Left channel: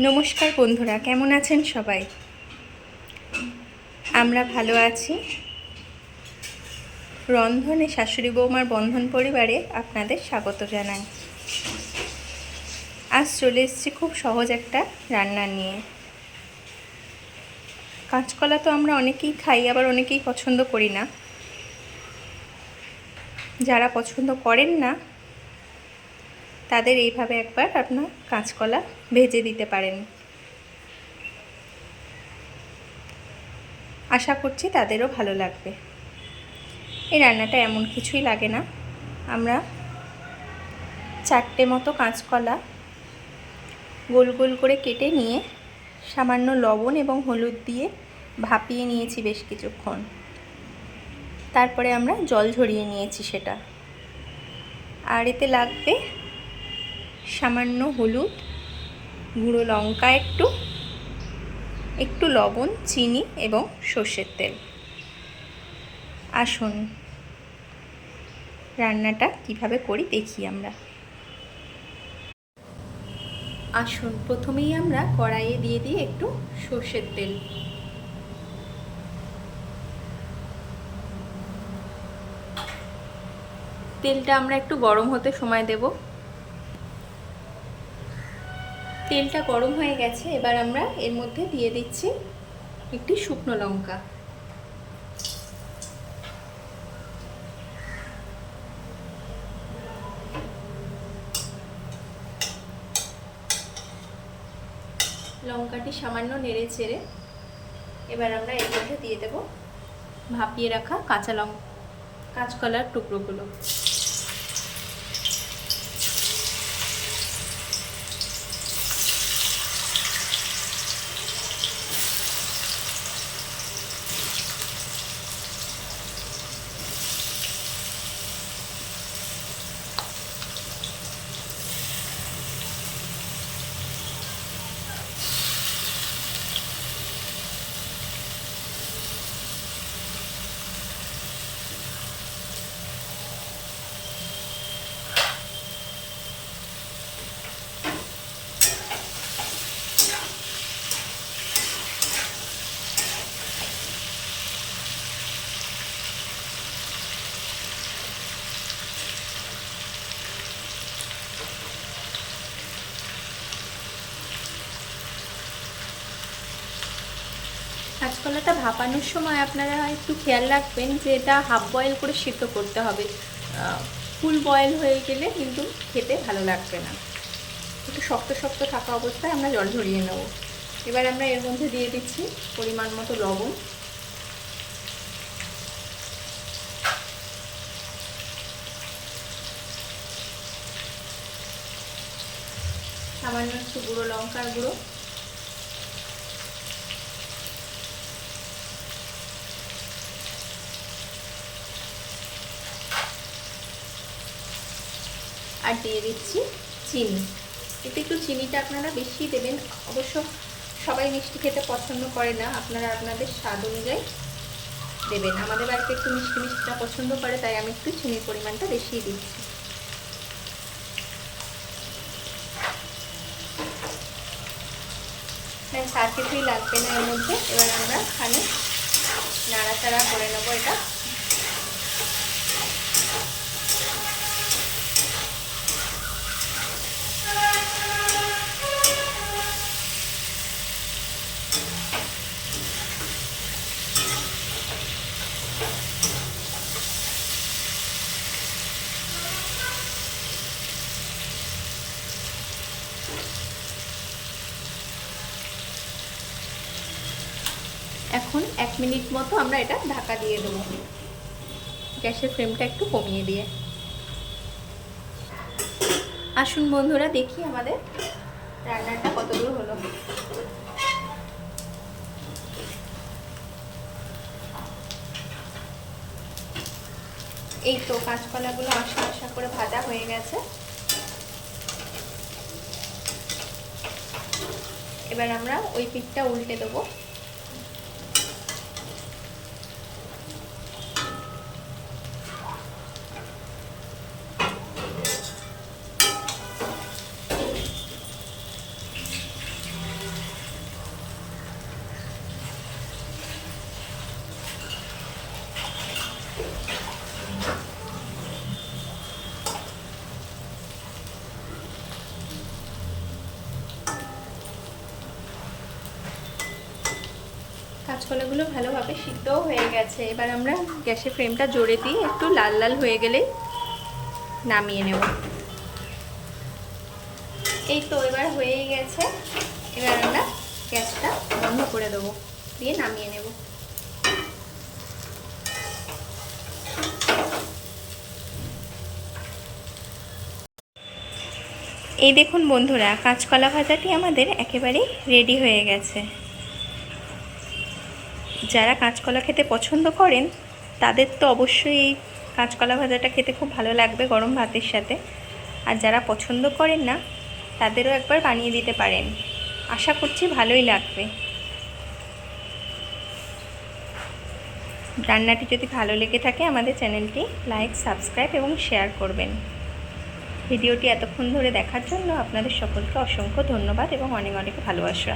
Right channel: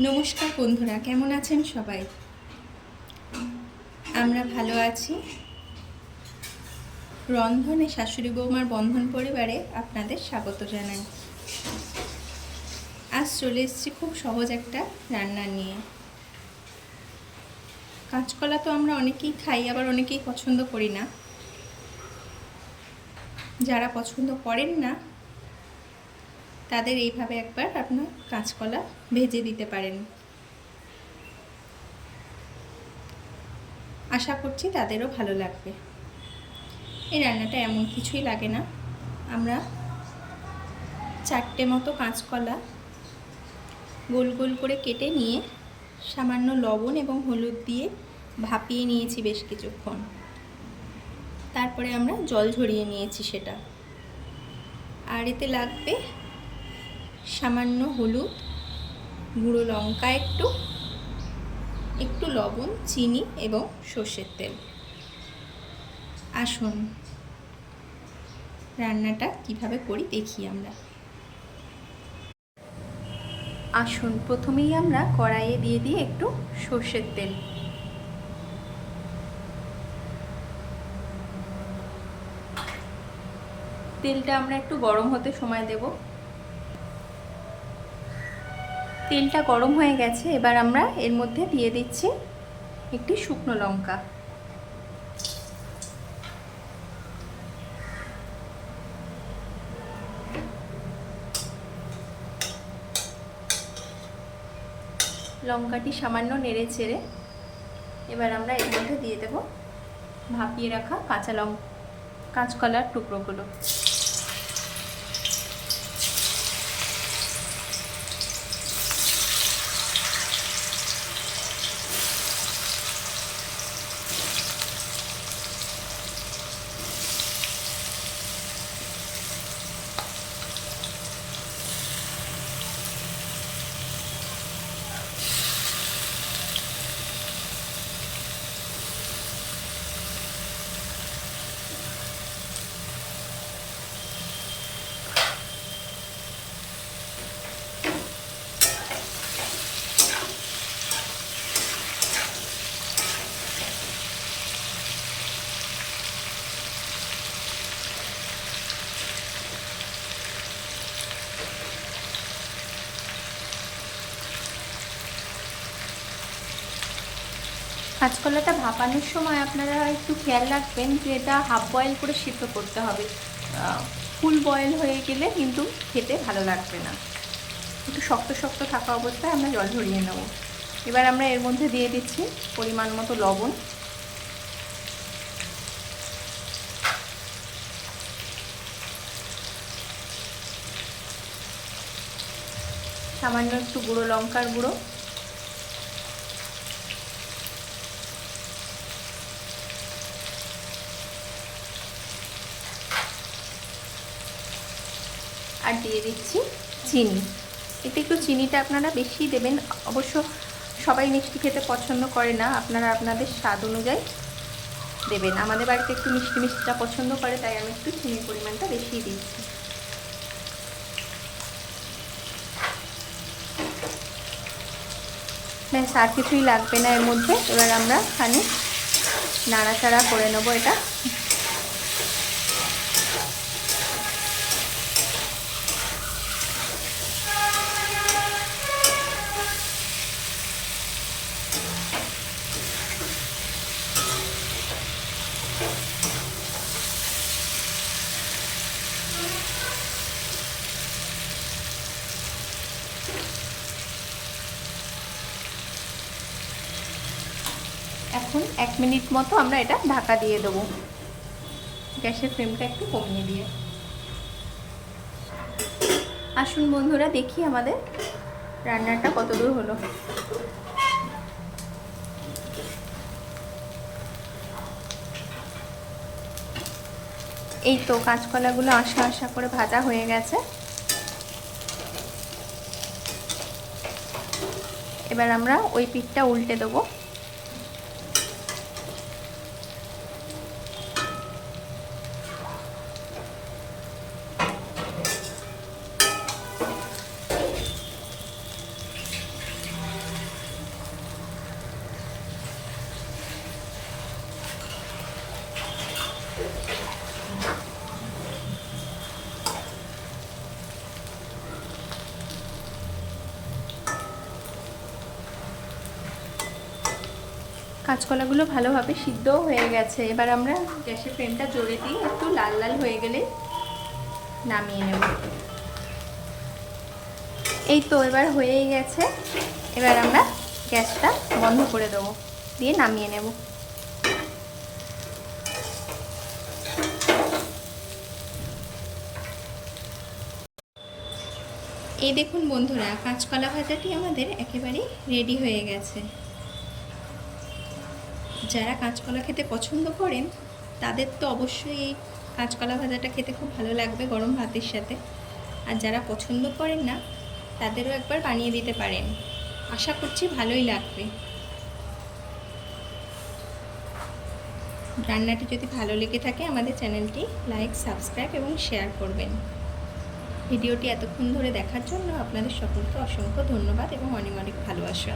নমস্কার বন্ধুরা, কেমন আছেন সবাই? আমরা ভালো আছি। রন্ধনে শাশুড়ি বৌমার বন্ধন পরিবারে আপনাদের স্বাগত জানাই। আজ চলে এসেছি খুব সহজ একটা রান্না নিয়ে। কাঁচকলা তো আমরা অনেকেই খাই, আবার অনেকেই পছন্দ করি না। যারা পছন্দ করেন না তাদের এইভাবে একবার আপনার কাঁচকলা ভেজে দিতে পারেন। আশা করছি তাদেরও ভালো লাগবে। এই রান্নাটা এমন কিছুই লাগে না। আমরা 4টে মতো কাঁচকলা গোল গোল করে কেটে নিয়ে সামান্য লবণ এবং হলুদ দিয়ে ভাপিয়ে নিয়েছি বেশ কিছুক্ষণ। তারপরে আমরা জল ঝরিয়ে নিয়েছি সেটা। আর এতে লাগবে সামান্য হলুদ, গুঁড়ো লঙ্কা একটু লবণ, চিনি এবং সর্ষের তেল। আসুন রান্নাটা কিভাবে করি দেখি আমরা। আসুন প্রথমেই আমরা কড়াইয়ে দিয়ে দিই একটু সর্ষের তেল। তেলটা আমরা একটু গরম হতে সময় দেব। তেলটা গরম হয়ে গেছে, এবার আমরা এর মধ্যে দিয়ে দিচ্ছি একটি শুকনো লঙ্কা। লঙ্কাটি সামান্য নেড়ে চেড়ে এবার আমরা এর মধ্যে দিয়ে দেব ভাপিয়ে রাখা কাঁচকলার টুকরোগুলো। কাঁচকলাটা ভাপানোর সময় আপনারা একটু খেয়াল রাখবেন যে এটা হাফ বয়েল করে সিদ্ধ করতে হবে। ফুল বয়েল হয়ে গেলে কিন্তু খেতে ভালো লাগবে না। একটু শক্ত শক্ত থাকা অবস্থায় আমরা জল ঝরিয়ে নেব। এবার আমরা এর মধ্যে দিয়ে দিচ্ছি পরিমাণ মতো লবণ, সামান্য একটু গুঁড়ো লঙ্কার গুঁড়ো, আর দিয়ে দিচ্ছি চিনি। এতে একটু চিনিটা আপনারা বেশি দেবেন। অবশ্য সবাই মিষ্টি খেতে পছন্দ করে না, আপনারা আপনাদের স্বাদ অনুযায়ী দেবেন। আমাদের বাড়িতে একটু মিষ্টিটা পছন্দ করে, তাই আমি একটু চিনির পরিমাণটা বেশিই দিচ্ছি। ব্যাস, আর কিছুই লাগবে না এর মধ্যে। এবার আমরা খানিক নাড়াচাড়া করে নেবো এটা। এখন 1 মিনিট মতো আমরা এটা ঢাকা দিয়ে দেবো, গ্যাসের ফ্লেমটা একটু কমিয়ে দিয়ে। আসুন বন্ধুরা দেখি আমাদের রান্নাটা কতদূর হলো। এই তো কাঁচকলাগুলো আশা আশা করে ভাজা হয়ে গেছে। এবার আমরা ওই পিঠটা উল্টে দেবো। কাঁচকলাগুলো ভালোভাবে সিদ্ধও হয়ে গেছে। এবার আমরা গ্যাসের ফ্লেমটা জোরে দিয়ে একটু লাল লাল হয়ে গেলেই নামিয়ে নেব। এই তো এবার হয়েই গেছে। এবার আমরা গ্যাসটা বন্ধ করে দেবো, দিয়ে নামিয়ে নেব। এই দেখুন বন্ধুরা, কাঁচকলা ভাজাটি আমাদের একেবারেই রেডি হয়ে গেছে। যারা কাঁচকলা খেতে পছন্দ করেন তাদের তো অবশ্যই এই কাঁচকলা ভাজাটা খেতে খুব ভালো লাগবে গরম ভাতের সাথে। আর যারা পছন্দ করেন না তাদেরও একবার বানিয়ে দিতে পারেন, আশা করছি ভালোই লাগবে। রান্নাটি যদি ভালো লেগে থাকে আমাদের চ্যানেলটি লাইক, সাবস্ক্রাইব এবং শেয়ার করবেন। ভিডিওটি এতক্ষণ ধরে দেখার জন্য আপনাদের সকলকে অসংখ্য ধন্যবাদ এবং অনেক অনেক ভালোবাসা।